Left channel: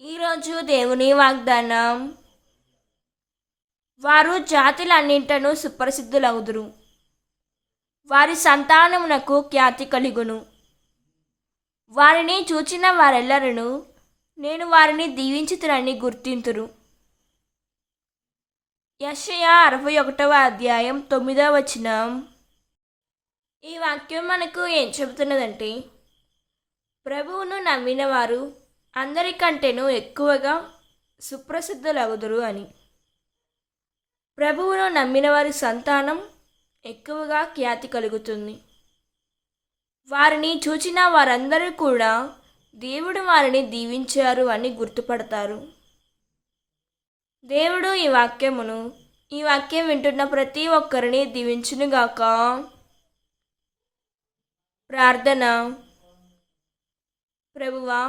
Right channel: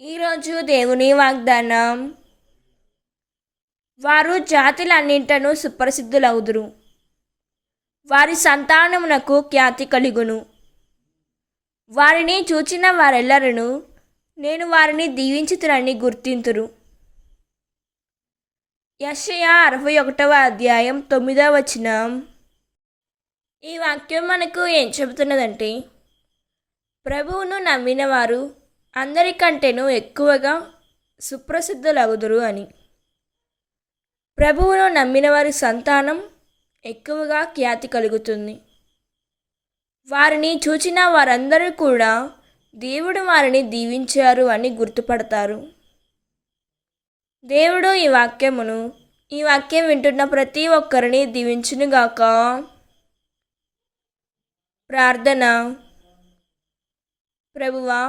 ఈరోజు దేవుని వాగ్దానం, వారు జాతులన్నింటను సుప్రసిద్ధులగుదురు, వారి సంతానమునకు ఖ్యాతి కలుగును. వారిని చూచిన వారెల్లరూ నేను వారిని దీవించుతునని గుర్తింతురు. యెషయా 61వ అధ్యాయం 9వ వచనం. ఈ వాక్యం మనకు ఏం చెబుతున్నదంటే, ప్రభువును నమ్మిన వారు అందరికంటేనూ ఎక్కువగా సుప్రసిద్ధులగుదురు అని. ప్రభువును నమ్మిన వారి సంతానం ఎక్కువగా ఖ్యాతి కలుగుతుంది. వారిని చూచిన వారందరూ కూడా దేవుడు వారిని దీవించారు అని గుర్తుపడతారు. దేవుడు ఈ వాక్యం వింటున్న ప్రతి ఒక్కరిని దీవించునుగాక. ప్రార్థన. ప్రభువా,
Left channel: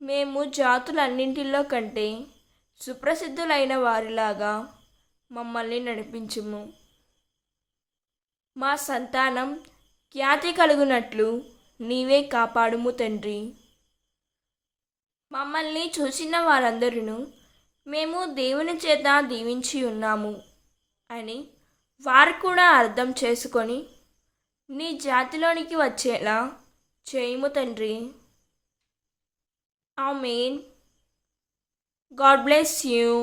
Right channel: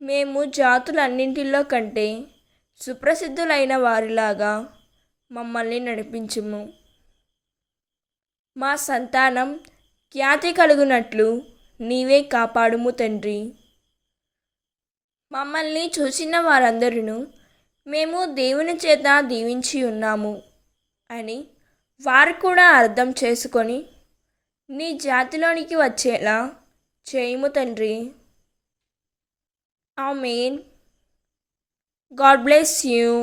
మేము జాతులన్నింటిలో కంటే సుప్రసిద్ధులైన వారిలాగా మమ్మల్ని నడిపించుము. మా సంతానం ఖ్యాతి కలుగునట్లు నీవే కాపాడుము తండ్రి. మమ్మల్ని చూసిన వారందరూ మేము దేవుని చేత దీవించి ఉన్నాము అని వారు కూడా అర్థం చేసుకొని నీ జాతిలోనికి వచ్చేలా చేయుము తండ్రి. Amen. God bless you.